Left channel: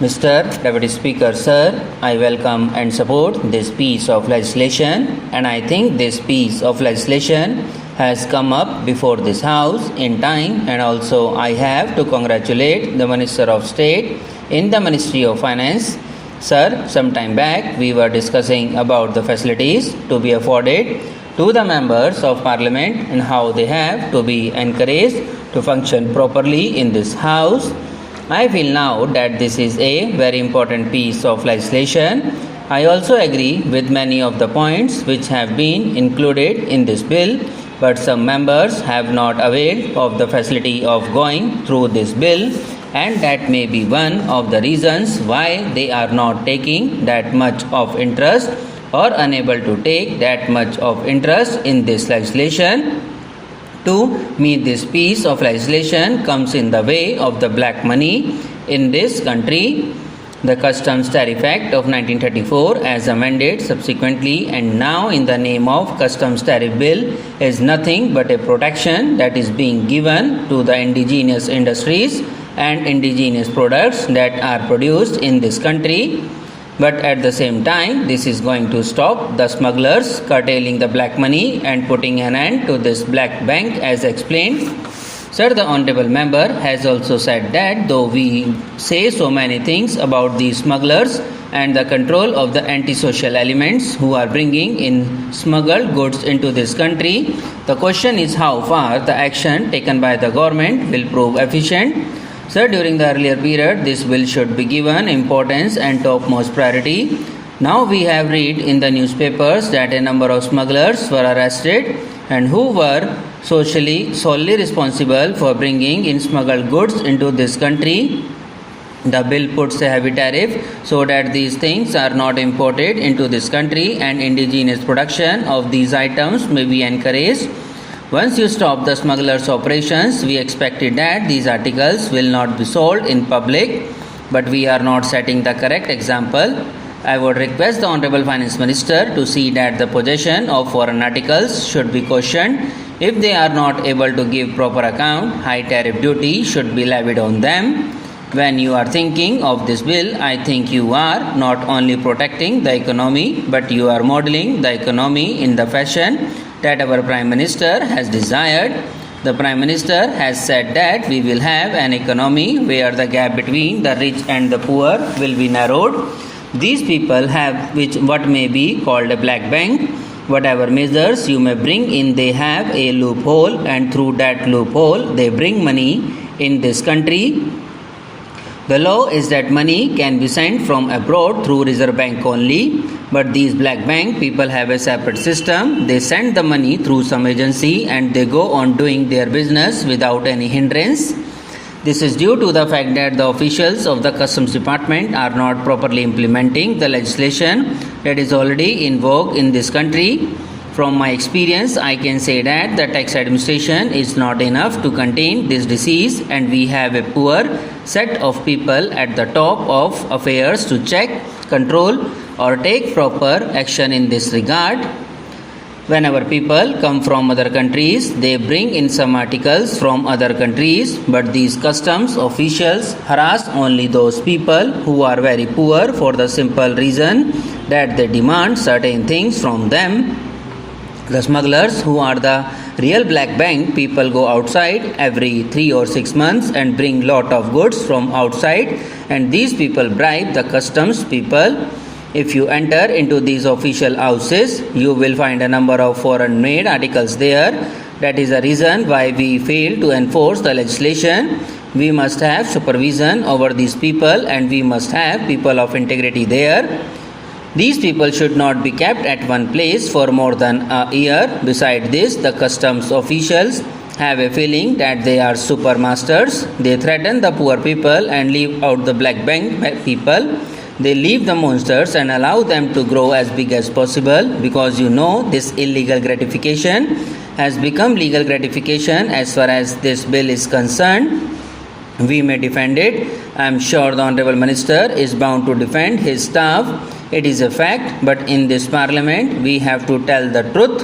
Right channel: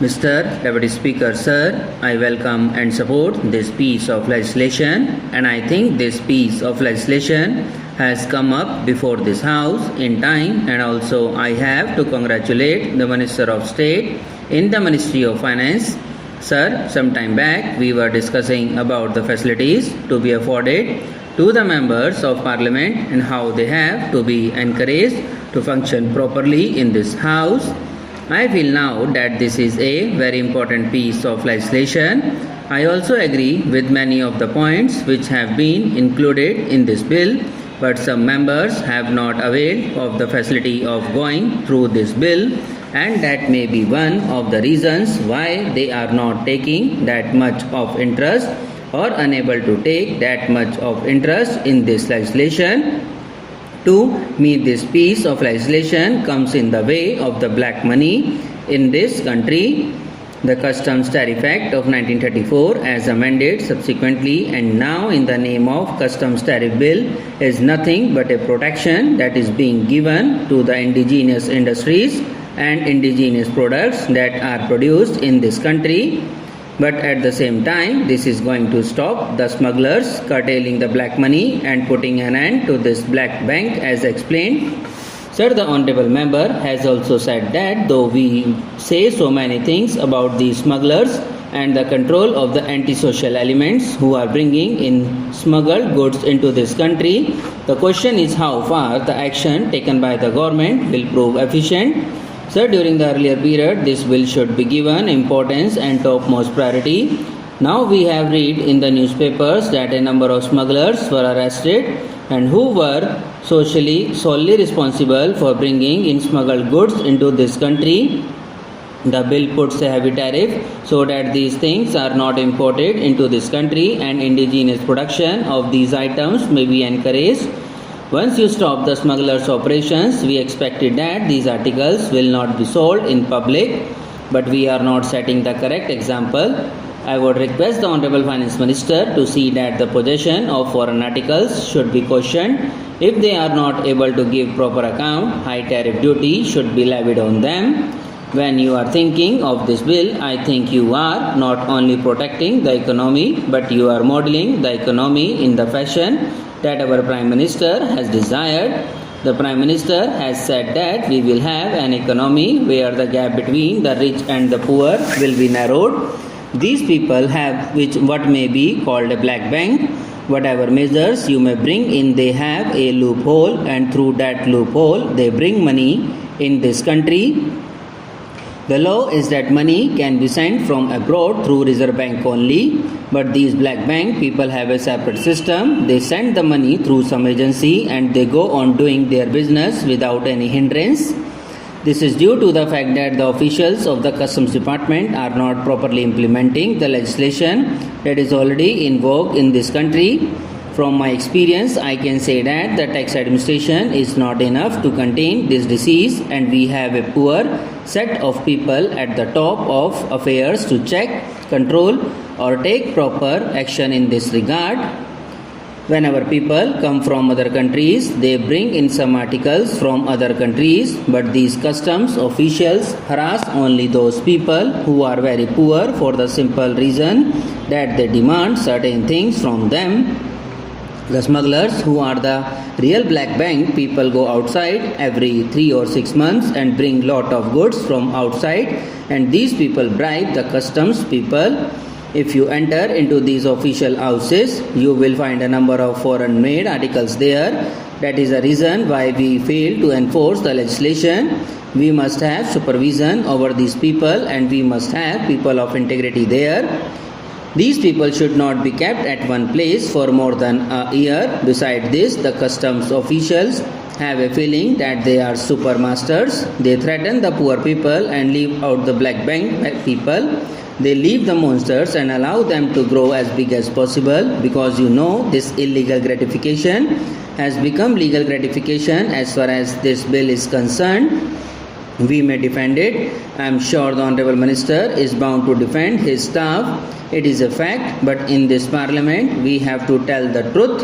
Mr. Deputy Speaker, Sir, I welcome and support this piece of legislation, and I think this piece of legislation has come up before this House in time, and also I have to congratulate the Minister of State in the Ministry of Finance. Sir, some time back we were discussing about the facilities to be afforded to the members of Parliament and how they have to be encouraged to function properly in this House. I feel now that this is a very important piece of legislation. I also agree with many of the points which have been included in this bill, but some members have not availed of the facility of going through this bill, and that may be one of the reasons why they are not taking that much of interest or unable to take that much of interest in this legislation. To me, this piece of legislation comes in the way of the black money in this country. The Customs Tariff Act of 1934 as amended subsequently and now in the name of Customs Tariff Bill is nothing but a protection that is being given to the indigenous industries and indigenous products that are produced in this country. But at the same time, this is going to stop the smugglers curtailing the black money and putting an end to this black bank as explained. Sir, the Honorable Member has also said that though we say so many things about these smugglers and the control of the antisocial elements who are bringing in smuggled goods into this country, the question is how far the action taken by the government will prove efficient. Sir, during the earlier period, this bill should be given importance and topmost priority. Now we have read in the newspapers that a number of smugglers were arrested and who were solely responsible for bringing in smuggled goods into this country. The bill puts a heavy tariff so that these things are not imported into this country and indigenous production of these items may be encouraged. Once you stop the smugglers' operations, we expected that these articles will not be sold in public, but we are not setting the correct example. I would request the Honorable Finance Minister to see that the possession of foreign articles should be cautioned. If they are not able to give proper account, high tariff duty should be levied on them. When you are thinking of this bill, I think you are not only protecting the economy, but you are modeling the economy in the fashion that our Prime Minister has desired. The Prime Minister has said that we will have an economy where the gap between the rich and the poor will be narrowed. These people have what may be called a black bank. Whatever measures you may bring in, they have a loophole, and through that loophole they bring money in this country. The law is that money can be sent from abroad through Reserve Bank only, but these black bank people have a separate system. They send the money through some agency and they go on doing their business without any hindrance. This is due to the fact that the officials of the Customs Department are not properly implementing the legislation that is already in vogue in this country. From my experience, I can say that the tax administration is not enough to contain this disease, and we have a poor set of people at the top of affairs to check, control, or take proper action in this regard. Whenever people come from other countries, they bring in some articles from other countries, but these customs officials harass only those people who are very poor for the simple reason that they demand certain things from them. The smugglers, who are the real black bank people, go outside every 3 or 6 months and bring lot of goods from outside, and these people bribe the customs people. If you enter into these official houses, you will find a number of foreign made articles there. That is the reason why we fail to enforce the legislation. We must have supervision over these people, and we must have people of integrity there. These people should not be kept at one place for more than a year. Besides this, the customs officials have a feeling that they are super masters. They threaten the poor people and leave out the black bank people. They leave the monsters and allow them to grow as big as possible, because this illegal gratification has become legal gratification as far as this bill is concerned. We may defend it. I am sure the Honorable Minister is bound to defend his staff. It is a fact, but in this Parliament we have to tell the truth.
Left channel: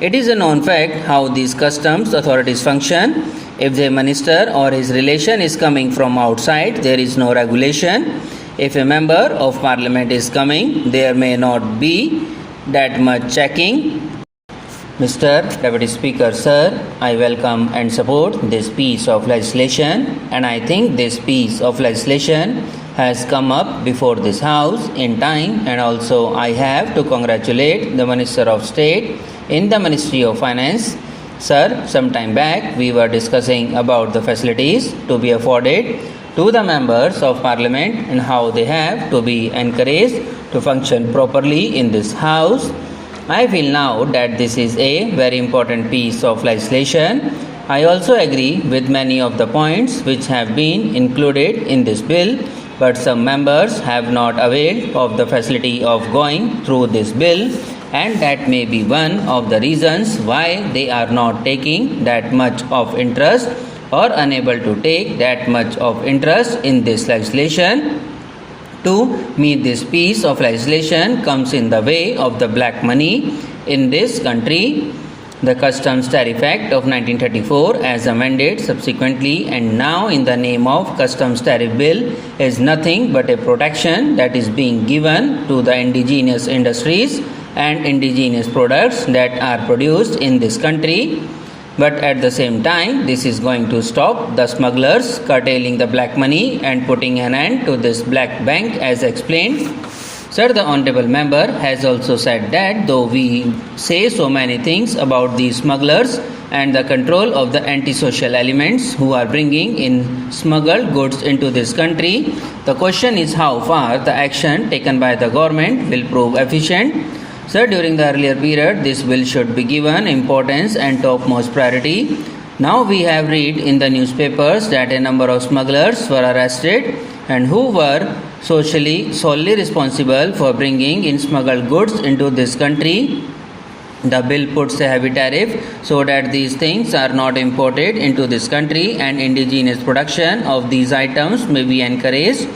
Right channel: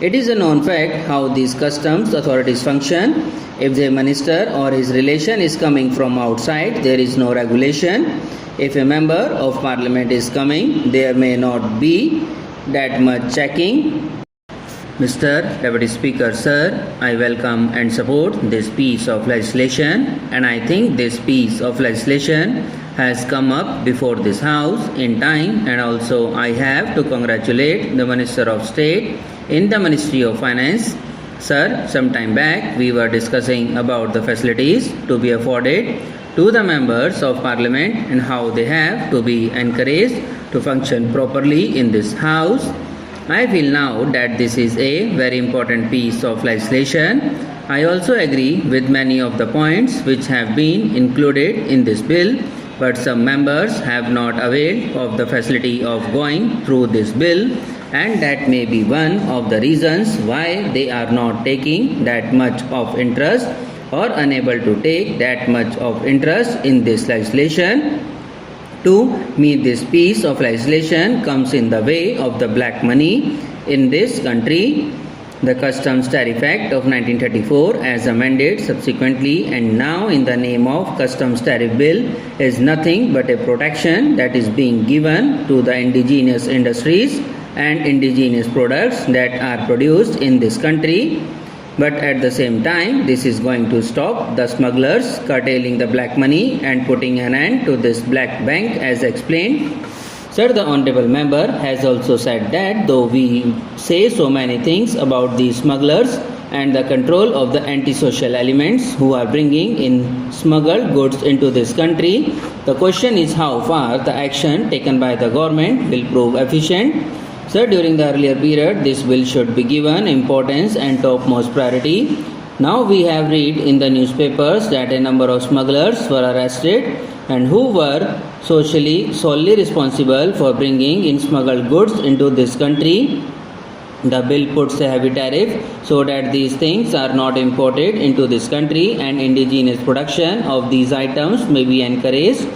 It is a known fact how these customs authorities function. If the minister or his relation is coming from outside, there is no regulation. If a member of parliament is coming, there may not be that much checking. Mr. Deputy Speaker, sir, I welcome and support this piece of legislation, and I think this piece of legislation has come up before this House in time, and also I have to congratulate the Minister of State in the Ministry of Finance. Sir, some time back we were discussing about the facilities to be afforded to the members of Parliament and how they have to be encouraged to function properly in this House. I feel now that this is a very important piece of legislation. I also agree with many of the points which have been included in this bill, but some members have not availed of the facility of going through this bill, and that may be one of the reasons why they are not taking that much of interest or unable to take that much of interest in this legislation. To me, this piece of legislation comes in the way of the black money in this country. The Customs Tariff Act of 1934 as amended subsequently and now in the name of Customs Tariff Bill is nothing but a protection that is being given to the indigenous industries and indigenous products that are produced in this country. But at the same time, this is going to stop the smugglers curtailing the black money and putting an end to this black bank as explained. Sir, the Honorable Member has also said that though we say so many things about these smugglers and the control of the antisocial elements who are bringing in smuggled goods into this country, the question is how far the action taken by the government will prove efficient. Sir, during the earlier period, this bill should be given importance and topmost priority. Now we have read in the newspapers that a number of smugglers were arrested and who were solely responsible for bringing in smuggled goods into this country. The bill puts a heavy tariff so that these things are not imported into this country and indigenous production of these items may be encouraged.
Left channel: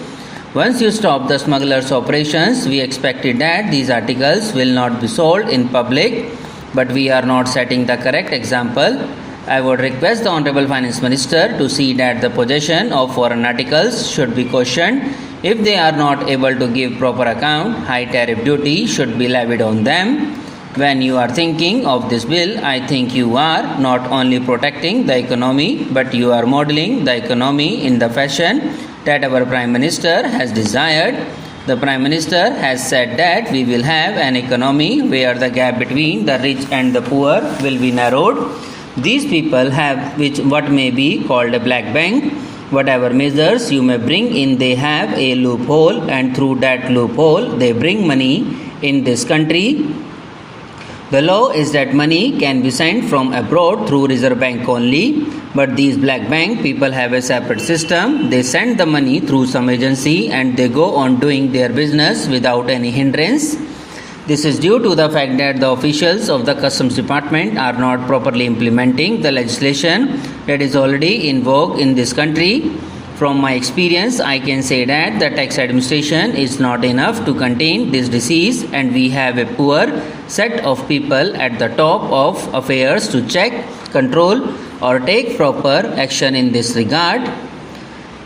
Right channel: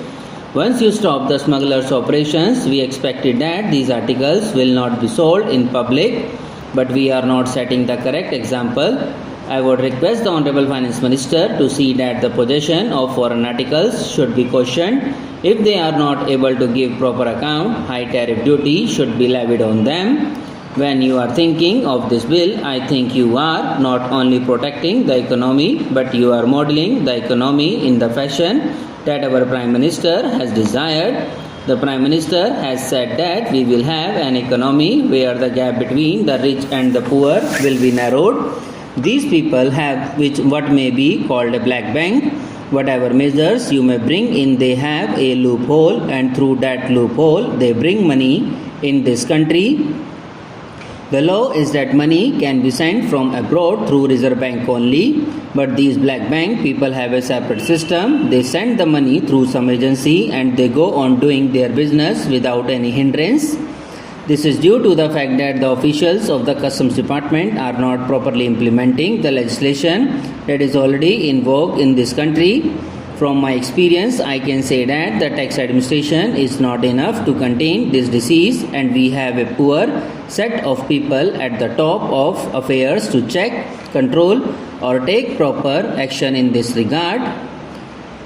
Once you stop the smugglers' operations, we expected that these articles will not be sold in public, but we are not setting the correct example. I would request the Honorable Finance Minister to see that the possession of foreign articles should be cautioned. If they are not able to give proper account, high tariff duty should be levied on them. When you are thinking of this bill, I think you are not only protecting the economy, but you are modeling the economy in the fashion that our Prime Minister has desired. The Prime Minister has said that we will have an economy where the gap between the rich and the poor will be narrowed. These people have what may be called a black bank. Whatever measures you may bring in, they have a loophole, and through that loophole they bring money in this country. The law is that money can be sent from abroad through Reserve Bank only, but these black bank people have a separate system. They send the money through some agency and they go on doing their business without any hindrance. This is due to the fact that the officials of the Customs Department are not properly implementing the legislation that is already in vogue in this country. From my experience, I can say that the tax administration is not enough to contain this disease, and we have a poor set of people at the top of affairs to check, control, or take proper action in this regard.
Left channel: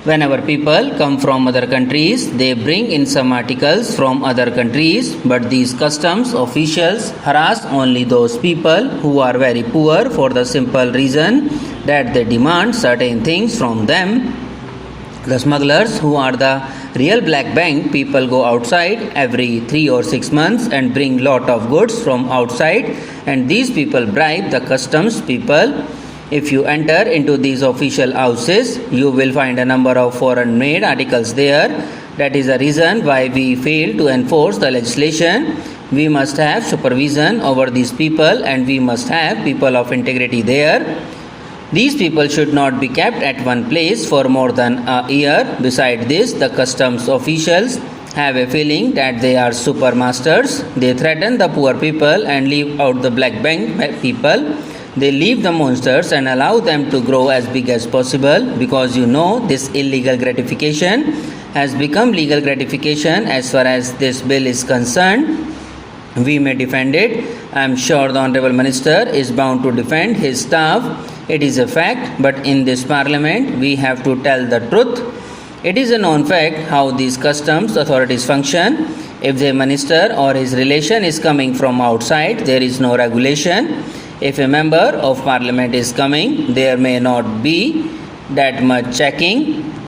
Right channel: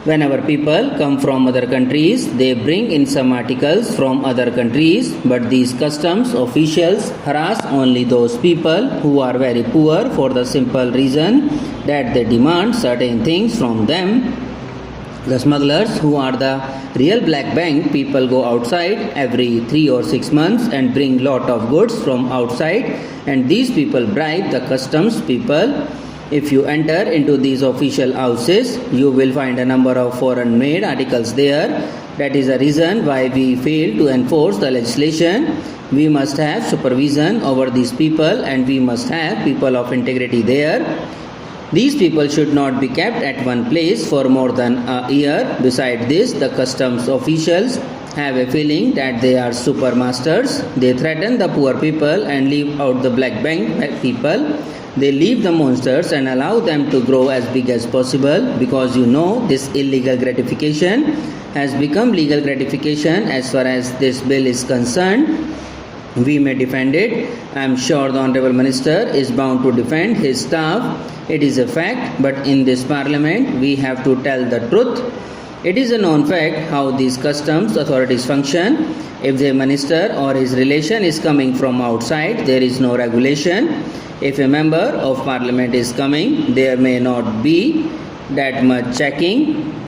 Whenever people come from other countries, they bring in some articles from other countries, but these customs officials harass only those people who are very poor for the simple reason that they demand certain things from them. The smugglers, who are the real black bank people, go outside every 3 or 6 months and bring lot of goods from outside, and these people bribe the customs people. If you enter into these official houses, you will find a number of foreign made articles there. That is the reason why we fail to enforce the legislation. We must have supervision over these people, and we must have people of integrity there. These people should not be kept at one place for more than a year. Besides this, the customs officials have a feeling that they are super masters. They threaten the poor people and leave out the black bank people. They leave the monsters and allow them to grow as big as possible, because this illegal gratification has become legal gratification as far as this bill is concerned. We may defend it. I am sure the Honorable Minister is bound to defend his staff. It is a fact, but in this Parliament we have to tell the truth. It is a known fact how these customs authorities function. If the minister or his relation is coming from outside, there is no regulation. If a member of parliament is coming, there may not be that much checking.